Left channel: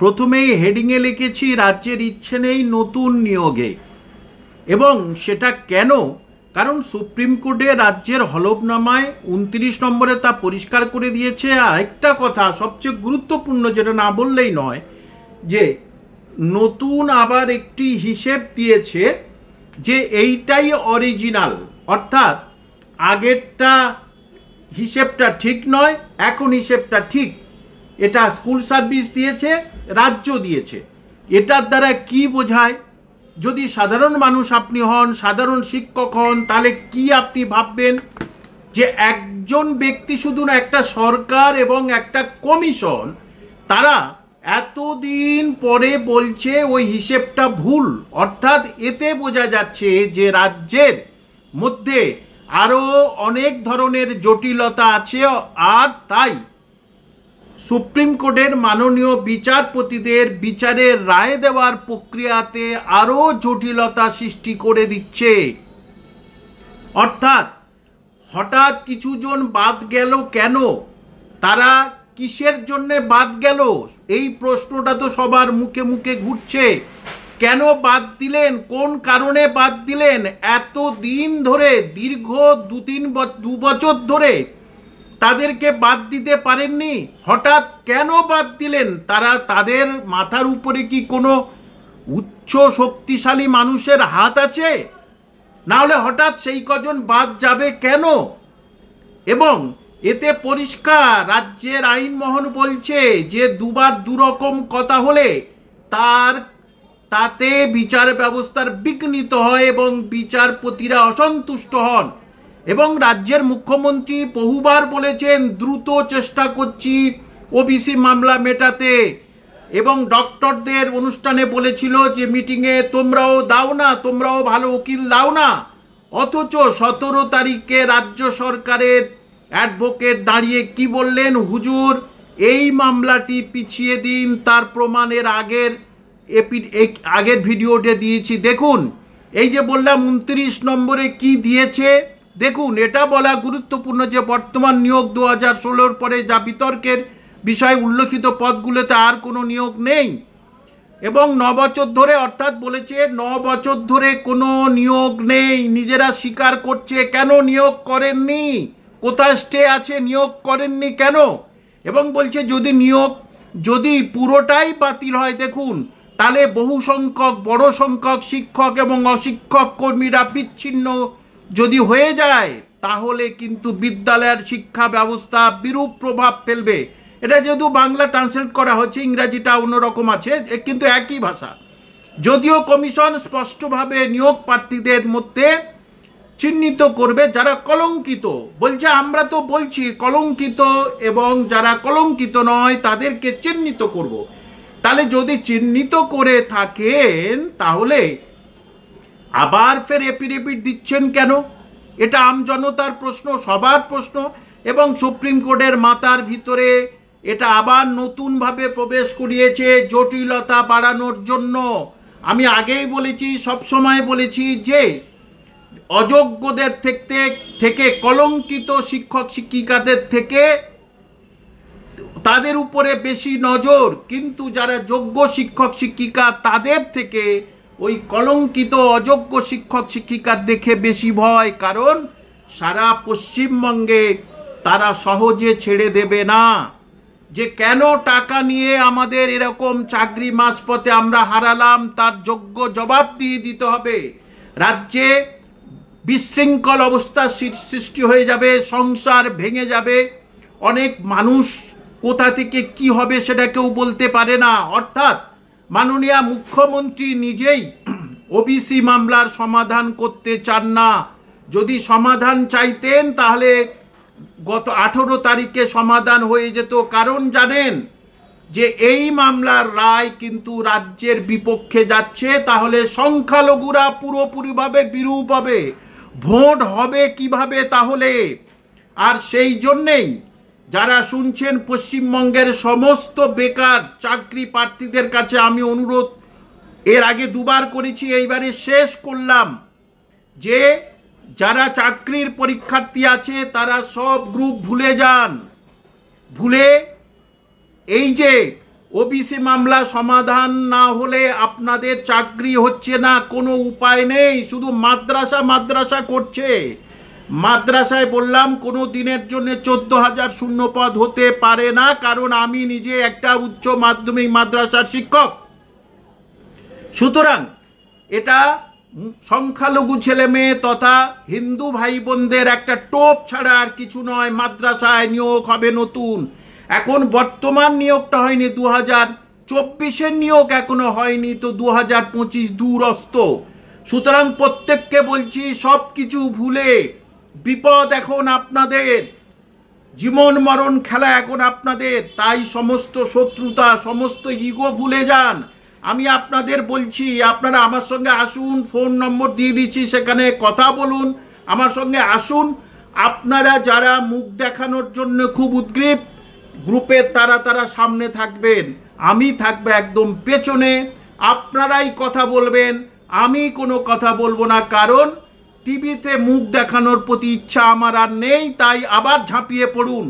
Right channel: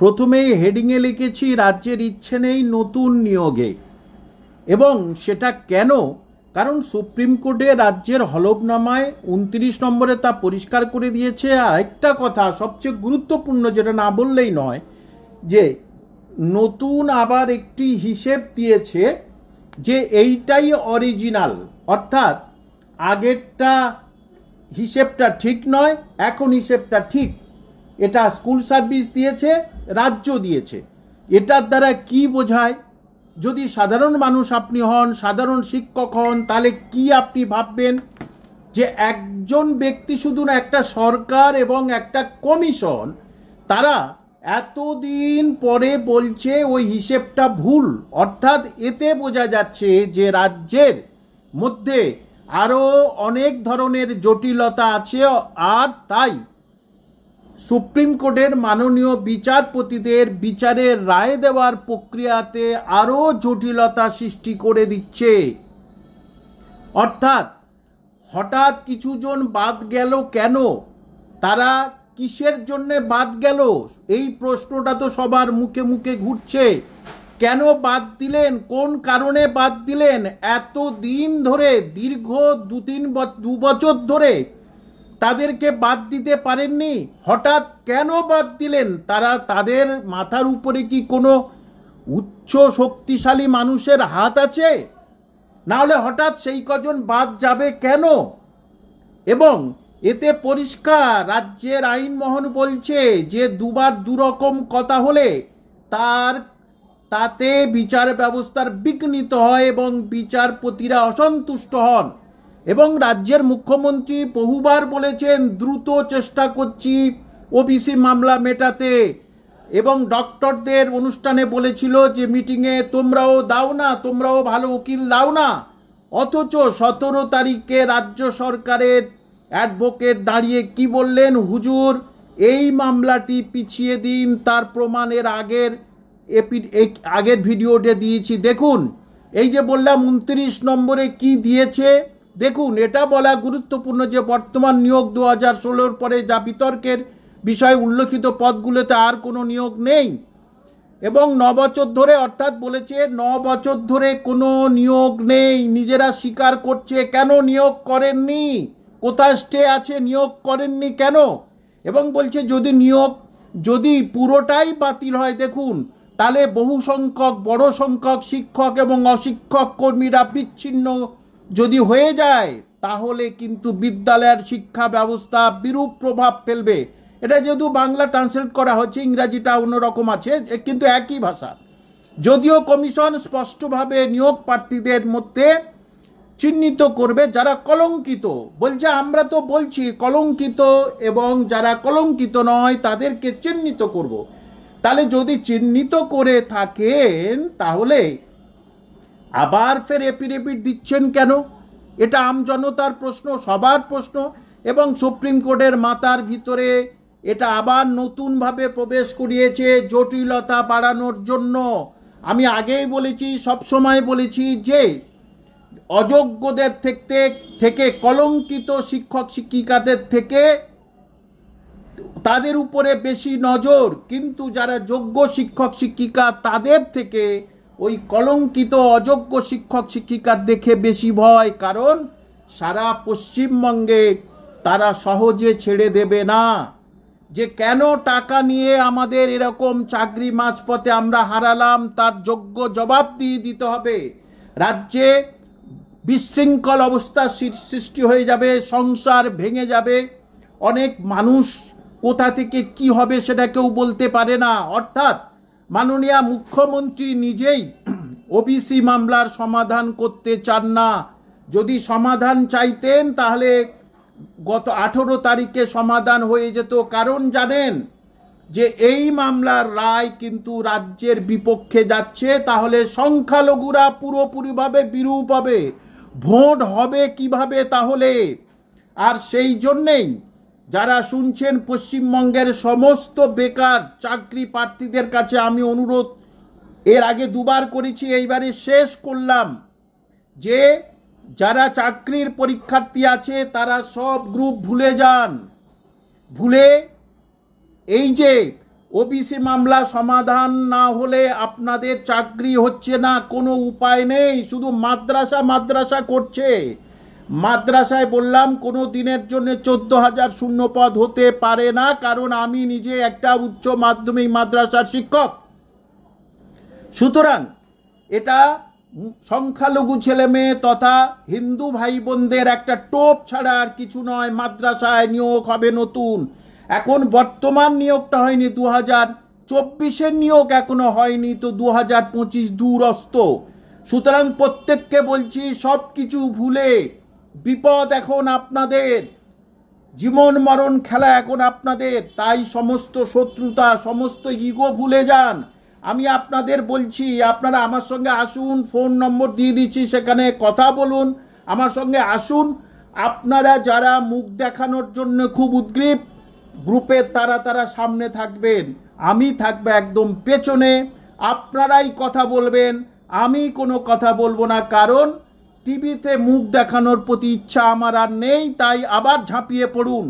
প্রথমেই হেডিংয়ে লিখেছি রাজ্যের ইচ্ছে নেই নতুন নিয়োগে, এবং সেটা কেন? কারণ সুপ্রিম কোর্টে রাজ্যের হলফনামায় 29 নম্বরে তা পরিষ্কার করে দিয়েছে। আর একটা কথা সবচেয়ে গুরুত্বপূর্ণ, যেটা না বললেই নয়, যে নতুন আবার একটি হিসেব দিয়েছে যে এইটাই অরিজিনাল, অর্থাৎ আগেরটা হিসেবটা ঠিক নয়, এখন হিসেবটা ঠিক। এটা স্কুল সার্ভিস দিয়েছে, রাজ্য দিয়েছে। এটার দ্বারা কি বোঝায়? যদি সাধারণ মানুষ আপনি হন, সাধারণ শিক্ষক হন, তাহলে কি আপনি ভাববেন যে একজন ব্যক্তি শুধু না, একটা সরকার এবং একটা কমিশন, তারা এতদিন পরে বলছে ওই হিসেবটা ভুল। অর্থাৎ এতে বোঝা যাচ্ছে যে রাজ্যের মধ্যে আরও অনেক ধরনের জটিলতা আছে, আর তাই সুপ্রিম কোর্টের মাননীয় বিচারপতিদের বিচারের রায় দেওয়ার প্রক্রিয়াতে আরও জটিলতা সৃষ্টি করে দিচ্ছে। অর্থাৎ হঠাৎ কিছুজন বাদ গেল কেন, তারা কিসের জন্যে বাদ গেল, এই প্রশ্নটা তো সবার মুখে মুখে ঘুরছে। কেন বাদ দিলেন, কোন কারণে বাদ দিলেন? এত দিন ধরে, দীর্ঘ 2 বছর ধরে তাদেরকে বাদ দিতে পারেননি, হঠাৎ কেন বাদ দিলেন? তাদের মাথার উপরে কি কোনো উচ্চ শক্তিশালী মানুষের হাত আছে? না হলে হঠাৎ সেই কজন বাদ যাবে কেন? এবং এতে পরিষ্কার রাজ্যের আইনমহল বলছে যে দুবার দুরকম কথা হলে তাতে বিচার ব্যবস্থার বিঘ্নিত হয় এবং বিচারপতিরা অসন্তুষ্ট হন। এবং রাজ্যের মুখ্যমন্ত্রী বহুবার বলেছেন দ্রুত চেষ্টা করছি ওবিসি মামলা মেটাতে, এবং ডক্টরদের অনুষ্ঠানে বলেছিল যে মিটিংয়ে তোমরাও দাও না, তোমরাও ভালো উকিল দাও না। অথচ 17 তারিখে রাজ্য সরকারের অ্যাডভোকেট দাঁড়িয়ে কি বললেন? হুজুর, এই মামলাটি পিছিয়ে দিন। তার প্রমাণের আগের ভিডিওতে দিয়েছি, দেখুন। এই যে বললাম 29 নম্বরে কি দিয়েছে দেখুন। এটা বলা গুরুত্বপূর্ণ যে বর্তমান নিয়োগ 2016 পরে যা বিতর্কের বিষয় উল্লেখিত পদগুলোতে আর কোনো নিয়োগ নেই, এবং 9 বছর ধরে, অর্থাৎ বলেছে 9 বছর ধরে কোনো নিয়োগ নেই। নিজেরা স্বীকার করছে কেন নিয়োগ করেননি, কোথায় স্টে আছে, নিয়োগ করেননি কেন? এবং বলছে যদি পুরোটাই বাতিল হয়, দেখুন, তাহলে বহু সংখ্যক, বড় সংখ্যক শিক্ষক এবং অশিক্ষক কর্মীরা বিচ্ছিন্ন যদি হয়ে যায়, তাহলে কিন্তু বিদ্যালয়ের শিক্ষা ব্যবস্থা বিরূপ প্রভাব ফেলবে। এটা যেহেতু বাংলা ট্রান্সলেট করা হচ্ছে, ইংরাজিটা অন্যরকম আছে, কিন্তু একই ভাষা। যদিও কমিশন স্পষ্টভাবে নিয়োগ প্রার্থীদের মধ্যে চিহ্নিত করবে যারা কলঙ্কিত, বলছে আমরা তো বলছি কলঙ্কিত, এবং যারা কলঙ্কিত নয় তাদেরকে চিহ্নিত করব। তাহলে যদি চিহ্নিত করে থাকেন, তাহলে আবার ফের এপিডেভিট দিচ্ছেন কেন? এটা আমজনতার প্রশ্ন, সবার প্রশ্ন। এবং সুপ্রিম কোর্টের মাথার ভিতরে এটা আবার নতুনভাবে প্রবেশ করিয়েছে জটিলতা বাড়ানোর জন্য। আমি আগেই বলেছি, সবসময় বলেছি যে অযোগ্যদের থেকে, কলঙ্কিত শিক্ষক শিক্ষিকাদের থেকে তাদের উপরে বেশি নজর, কিন্তু যারা যোগ্য শিক্ষক শিক্ষিকা তাদের থেকে ওই কলঙ্কিত অযোগ্য শিক্ষক শিক্ষিকার দেখে বেশি ভয়। কারণ সারা পশ্চিমবঙ্গে তারা সহজে ছেড়ে দেবে না। যে কেন টাকা নিয়ে আমাদের এরকম চাকরি মাঝপথে আমরা হারালাম, তার যোগ্য জবাব দিয়ে দিতে হবে। রাজ্যে বিশৃঙ্খল অবস্থা সৃষ্টি হয়ে যাবে, সংসার ভেঙে যাবে, অনেক মানুষ কোথা থেকে কি হবে সেটা কেউ বলতে পারে না। অর্থাৎ মাননীয় মুখ্যমন্ত্রী নিজেই ওবিসি মামলার সমাধান করতে চান না। যদি সমাধান চাইতেন তাহলে গত 18 তারিখে সমাধান হয়ে যেত। কারণ জানেন যে এই মামলার রায় কিন্তু রাজ্যের বিপক্ষে যাচ্ছে, তাহলে সংখ্যালঘুরা পুরোপুরিভাবে বিরূপ হবে, ভোট হবে কিভাবে তাহলে? আর সেই জন্যেই যারা শুনছেন পশ্চিমবঙ্গের সমস্ত বেকার চাকরি প্রার্থীদের কাছে আমি অনুরোধ, এর আগে 2 বার করেছি, এইবারে শেষ করলাম, যে যারা চাকরির পরীক্ষার্থী আছে তারা সব গ্রুপ ভুলে যান। ভুলে এই যে ওবিসি মামলা সমাধান না হলে আপনাদের চাকরি হচ্ছে না, কোনো উপায় নেই, শুধু মাদ্রাসা করছে। মাদ্রাসায় বললাম কোনো দিনের জন্য 14,000 শূন্য পদ হতে পারে না, কারণ আমি নিজে একটা উচ্চ মাধ্যমিক মাদ্রাসার শিক্ষক। সুতরাং এটা সংখ্যালঘু ছেলে মেয়ে তথা হিন্দু ভাই বোনদের একটা টোপ ছাড়া আর কিছু নয়। মাদ্রাসায় নিয়োগ হবে নতুন, এখন বর্তমান নিয়োগটা হয়নি, 2024-এর নিয়োগ এখনো হয়নি, তো 2025 দূরস্থ। সুতরাং প্রত্যেককে বলছি সব কিছু ভুলে, বিপদ এখন আপনাদের, জীবন মরণ খেলা এখন আপনাদের, তাই সমস্ত শত্রুতা সমস্ত ইগো ভুলে যান। আমি আপনাদের বলছি আপনারা আমার সঙ্গে আসুন, ফোন নম্বর দিয়ে দিচ্ছি, সেখানে কথা বলুন, আমার সঙ্গে আসুন। আপনারা যারা মুখ দেখানোর জন্য খুব উদ্গ্রীব, গ্রুপের তারা সামনে থাকবেন, আমি থাকবো একদম পেছনে, আপনারাই কথা বলবেন, আমি কোনো কথা বলবো না, কারণ টিভিতে মুখ দেখানোর প্রতি ইচ্ছা আমার আর নেই। তাই আবার ঝাঁপিয়ে পড়ুন।